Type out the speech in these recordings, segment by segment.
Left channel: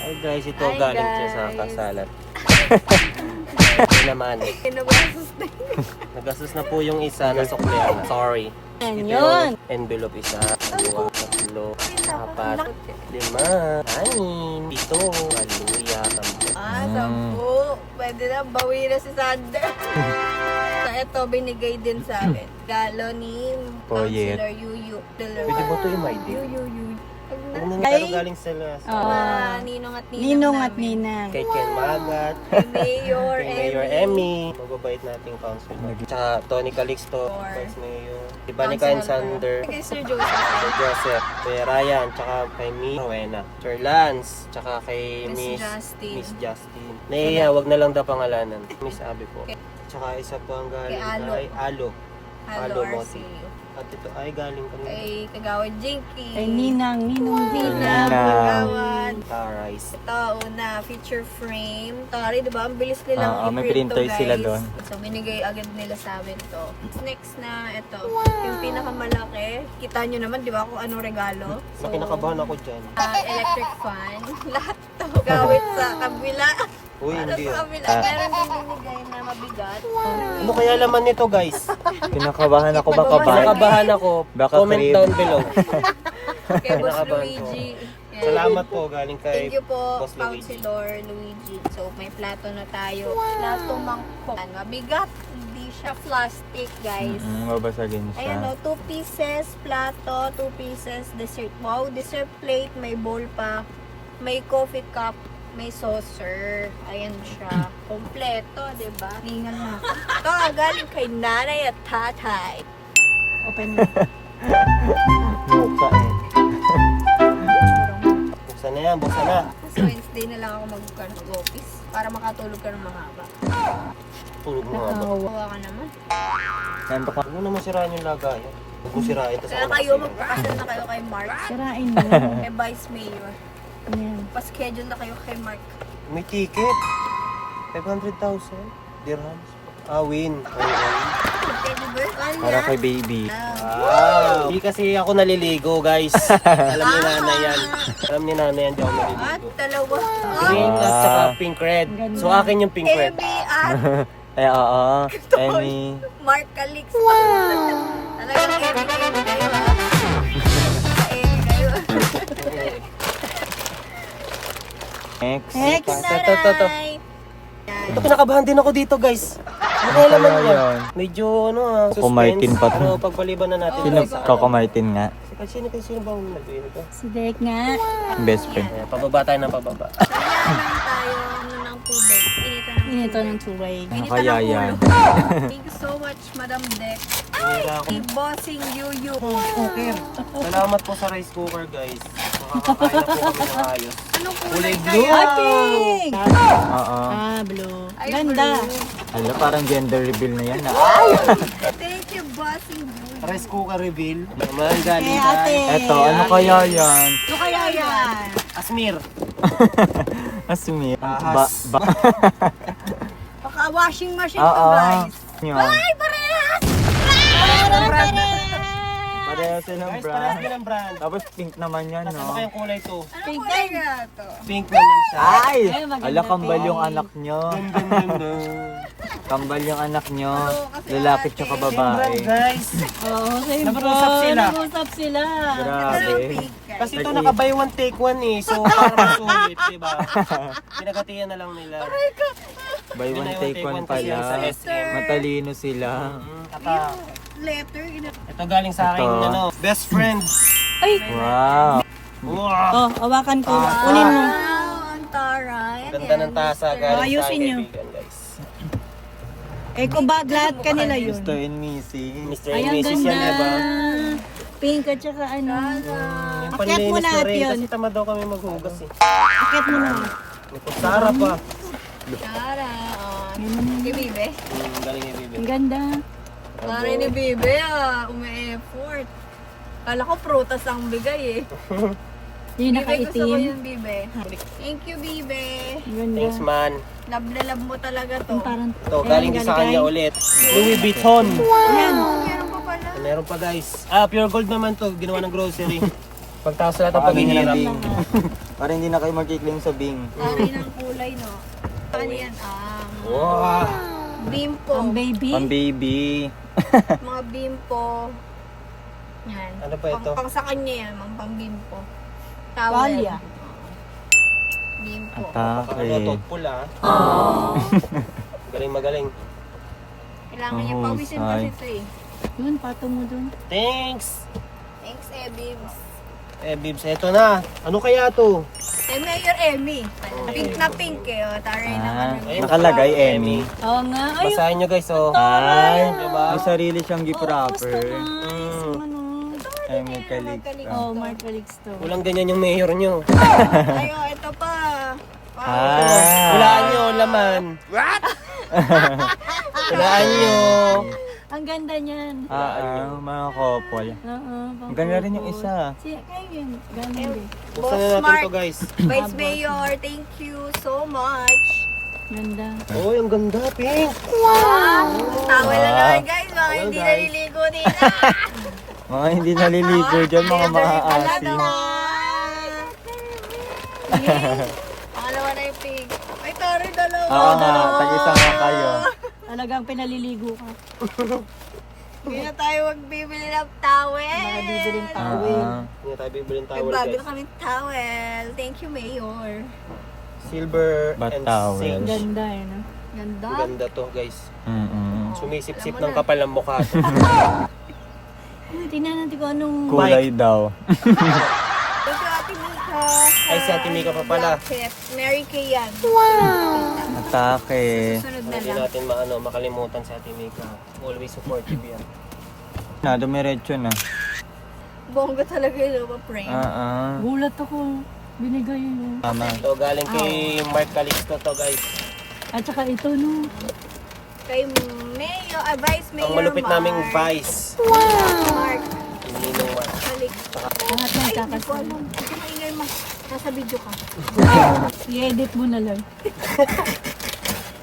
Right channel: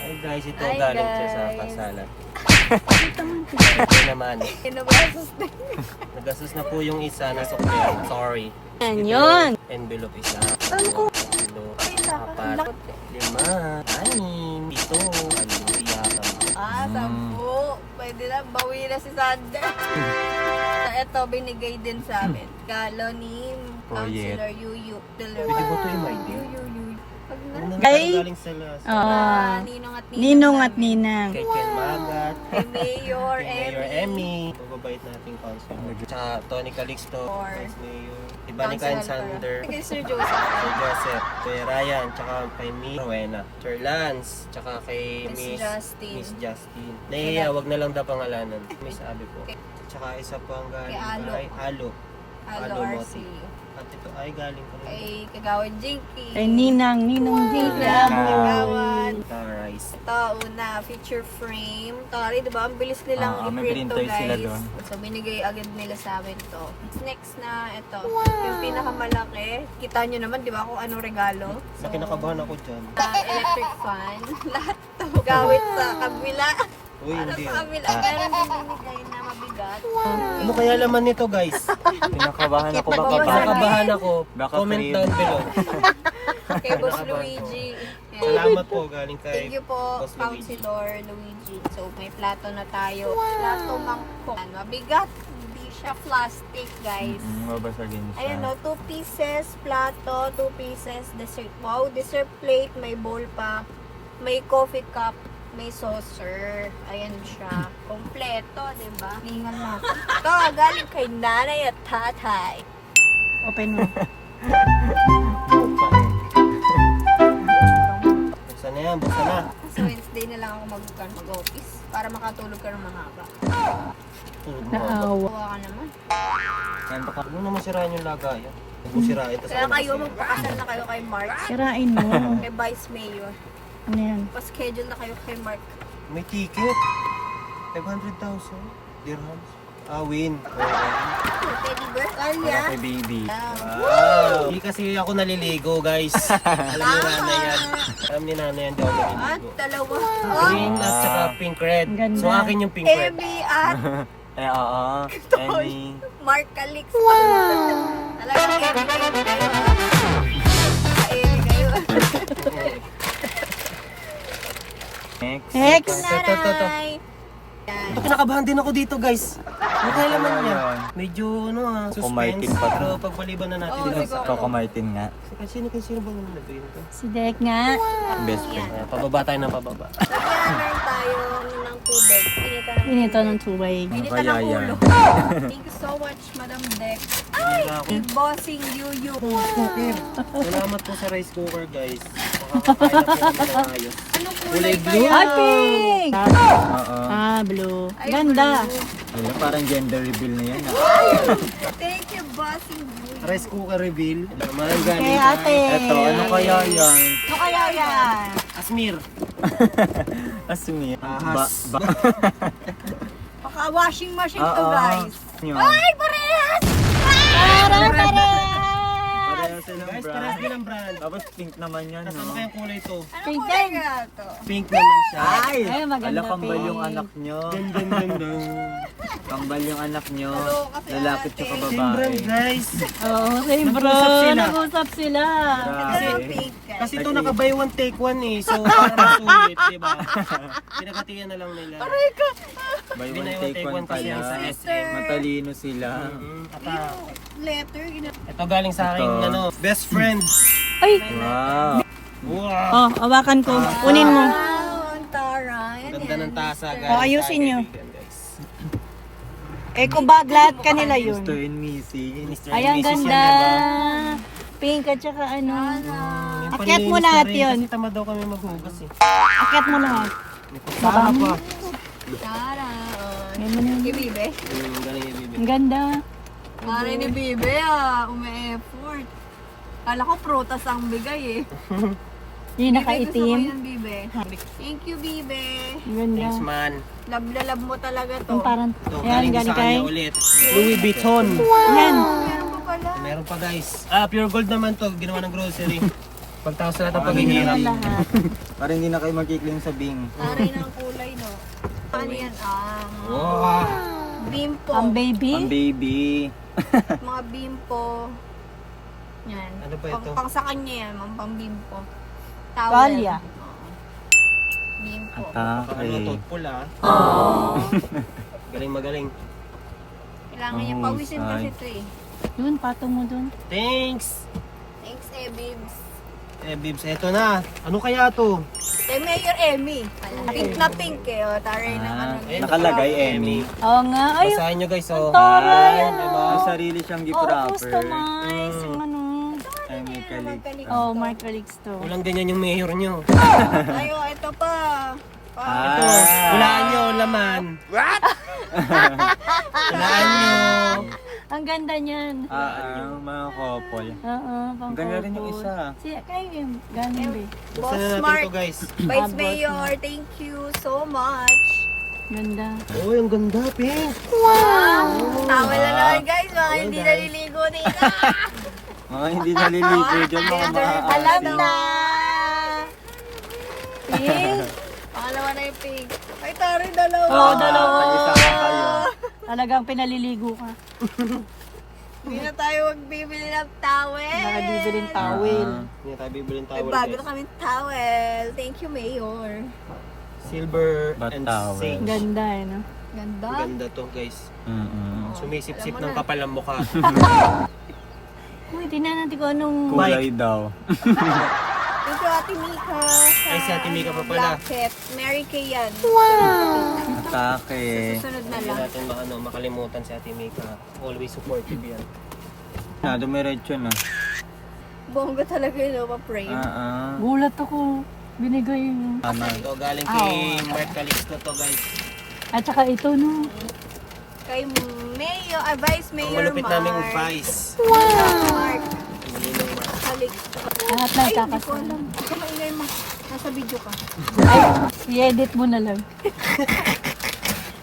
Ay guys, ito Hi, galing siya sa guys. kasalat. Ito naman. Kinabasos na Nagastos na po yung isa na sukli. Sorry. Yan Ito yun. yung envelope isa. Dalawa, tatlo, apat, lima, anin, ito, hallelujah, tampo. 10. Pwede na, bawi na si Sander. Ito, binigay din sa amin. Galo ni Councilor Yuyu. Ito ba ito yung my day? Yuyu. Pag na. Ano nangyari galing sa last? Ninong at ninang Ninong at namin. ninang. Kay Ken Magat, Kay Mayor kay Mayor Emmy. Emmy, mababait nating councilor. Tsaka Tony Calixto, Or Vice Mayor. Diba ni Kain Sander, Kay Sir Joseph. Sir Joseph, kay Ryan, tsaka kay Mi Rowena, Sir Lance, tsaka kay Miss Miss Justin. Justin. Naiya, wag na lang daw pangalanan. Miss Abe po. Okay. Tsaka isa pang galing Kay Alo. kay Alo. Hello, Alo RC. Moti. At ito ay galing kami. Kay Kagawad Jinky. Kay Ninang Ninang Kagawad. Rice. Ito, una, feature frame. Tari, di ba? Ang bilis nilang may i-print to, printer guys. sila doon. So, binigay agad nila sa amin to. Next na, ito. Yung pinakamalaki. Kita nyo naman, di ba, kung anong regalo. So, kinakabahan ako dyan. Electric fan. Lahat to. Gawit sa kabila. Uy, Para hindi. sa kabila. Meron din binigay na mabigat. Ano kaya laman nito, guys? Kinakabahan ako baka Babasa. Kinakabahan ako. Baka Comment free. down below. Kay Boss Kinakabahan ko. Luigi. Yan. Salamat po galing kay Thank you po, Boss Luigi. Councilor Luigi. So, may plato na tayo. Plato mangkok. Mabigat. Hindi siya plastic, guys. Babasagin siya. Ayan o, 2 pieces plato, 2 pieces dessert. Wow, dessert plate, may bowl pa, may coffee cup, may saucer. Ayan siya. Kompleto, diba? Tingnan natin. Ito, galing kay nanay at tatay. Open mo. Buksan na yan, buksan na. Kasi Wednesday na lang ako mag-office para makatulog ka ng mahaba. Tulog mo nga ba? Kuha ka naman. Santo ka. Ano naman sirahan yung lagay? Huwag mo sirahan. Tapos Kaya ako kayo, nagsimula. magpakasal na kayo kay Mark. Sirain mo. Kay Vice Mayor. Ano yan? Pa-schedule na kayo kay Mark. May ticket. 500,000 dirhams. Ah, win. Teddy bear? Para Kaya. kay baby. Wow! Hindi kasi ako naliligo, guys. Alam ni nanay yan. Alam ni nanay yan, di ako At naliligo. dalawa. Green at saka pink red. So akin yung pink red. Emmy at Oo. Emmy. Mark Calix. Talagang Emmy kayo. Emmy kayo. Next. Next. Ito. Ito, kinakabahan din ako dito, guys. Ano kaya laman niya? Medyo, suspense. Kumartin pa to. Pero pagpaliban na natin. Oh, yun diba? sa- Coco Martin nga. Sino ba ang mag-iwan ko? Si Derek nga. Best friend. Ayan, pababa tayo ng pababa. Nagkakaroon tayo ng tubig. Pinito ng tubig. Pinita Kaya ng yan. ulo. Thank you so much, Madam Dex. Ay! Si Bossing Yuyu. Salamat po sa rice cooker, guys. Makakakain po kami ng ayos. Anong kulay Kulay kaya? Ay, pink! Oo. Ah, blue. Ay, Ganda. blue. Ano, parang gender reveal na yan. Thank you, Bossing Yuyu. Rice cooker reveal. Naman galing Kay ate. Eto, ano kaya yan? Ano kaya yan? Asmir. Asmi. Ahas. Baka washing machine to, Oo. guys. Yun. Ay, parehas! Parehas yun ang Guys, brand. parehas din ang brand. Tapos pink naman yan, Tapos ano no? kayang kulay to? Anong kulay kaya to? Pink naman siya. Ay! Ay, maganda Ala, kambal pink. yung anak nyo. Dun, dun, dun. Kambal yung anak nyo. Ano, kasi Lalaki ate. tsaka Same brand, babae. guys. Oh, same Nag-usap bro. sila. Nag-usap sila. Ito na Grabe. pink, guys. Kasi ito naka-buy one take one eh. So, parang masulit, diba? Pinagatiyan na lang nila. Buy Hindi one na take take one one kasi pala. yan sa Sister. Matalino sila. Letter. Ito galing sa aking best friend. Ay, Wow. Wow. oh, hawakan ko. Kunin mo. Wow, ang taray. Yan Ganda ng tasa Mr. galing sa Ayusin aking nyo. kaibigan, guys. Eh, kung ba lahat kanila yun. Mr. and Missy. Mr. Ayan, and Mrs. ganda. yan, diba? Pink at saka ano. Yung Akyat mo panlinis na lahat rin, yun. kasi tamad daw kami maghugas eh. Akyat mo na. May kutsara pa. Tara. Kay Bibe. Galing ni Bibi. Ang ganda. Pare ni Bibe umi-effort. Kala ko prutas ang bigay eh. Yung Bibe, gusto ko nakaitim. yun, Bibe. Thank you, Bibe. Ang ganda. Thanks man. Love na love mo talaga to. Yung parang, Ito, yan, galing sa kanya kay- ulit. Louis Vuitton. Yan. Meron pa pala. Meron pa guys. Pure gold naman to. Ginawa ng grocery. Pagtaas sa lahat ng Paano niya paghihirap. ng Bing? Para hindi na kayo magkikling sa Bing. Aray ng kulay, no? Ano yan? Wow! Bimpo. Ang baby. Ang baby. Mga bimpo. Yan. Ano ba ito? Pang sa kanya yan, mga pang bimpo. Towel. Palya. Bimpo. Napaka-ano, thoughtful ah. Galing magaling. Kailangan niya pawisin kasi ito eh. Yun, pato mo dun. Thanks! Thanks, Bibs. Bibs, eto na. Ano kaya to? Maker Emmy. Pink na pink eh. O, taray ng ano. Ayun, Nakalagay, Emmy. Oo nga. Ay, Basahin nyo guys, oh. taray. Diba? May sarili siyang gift Oo, wrapper. customize. Kay may kalik. Oh, my colleagues to. Walang ganyan yung mayor nyo. Ayo, ito pa. Ito, hulaan nyo, laman. What? Hulaan nyo. Ang ganda niyan. Mga couple. Oo, Ang ganda rin yung isa. Kayo yun. Ganon din. Buksan na natin Mark. to guys. Vice Mayor, thank you so much. Ganda. Oh, yung ganda, pink. Tawal na naman guys, mga hindi naliligo dito. Mga hindi naliligo dyan, mga Wala maasim. na. Pangalawa na yung pink. Ay, taray dalawa. Oo nga, tag-isa na kayo. Talagang pinaliligo ka. Hindi na tayo magbibili ng towel. Bibiling towel. Hindi na tayo bibilin May towel bago na guys. kami towel. Thank you, Mayor. Silver Ba't and towel? sage. Ganda eh, no? Ganda. Ang ganda to guys. Mm-mm. Sumisip-sip Alam mo ng na. kapal ng mukha to. Uy, tingnan natin kung anong... Kulay daw. Thank you, Ate Mika. Ay, si Ate Mika pa pala. Jacket. Mary Kay yan. Atake. Sunod na Hindi lang. natin makalimutan si Ate Mika. Always supportive yan. Dumiretso na. Bongga talaga yun, ma-pray. Gulat ako. Binigay yun. Tama. So, galing kay Mark Calixto to guys. At saka ito, no? Kay Mayor, Vice Mayor Ang malupit Mark. naming vice. Mark. Hindi nung Mark. Halik. Lahat Ay, ng hindi ko alam. Ito maingay mo. Nasa video ka. I-edit mo na lang.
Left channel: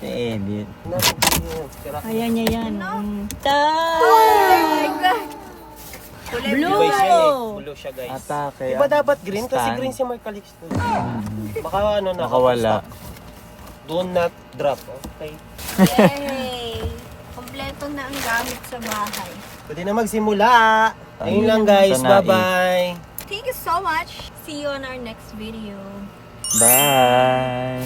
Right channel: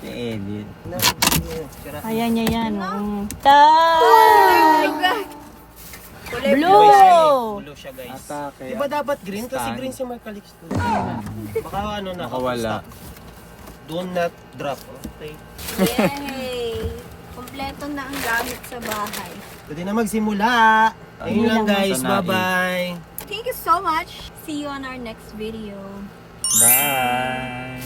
Edit. Ayan niya yan. Mm. Kulay Blue! Blue siya guys. Atake. Diba dapat green? Kasi Stand. green si Mark Calixto. Baka ano na. Nakawala. Do not drop. Okay. Yay! Kompleto na ang gamit sa bahay. Pwede na magsimula. Ayun lang guys. Ito na, Bye-bye. Thank you so much. See you on our next video. Bye.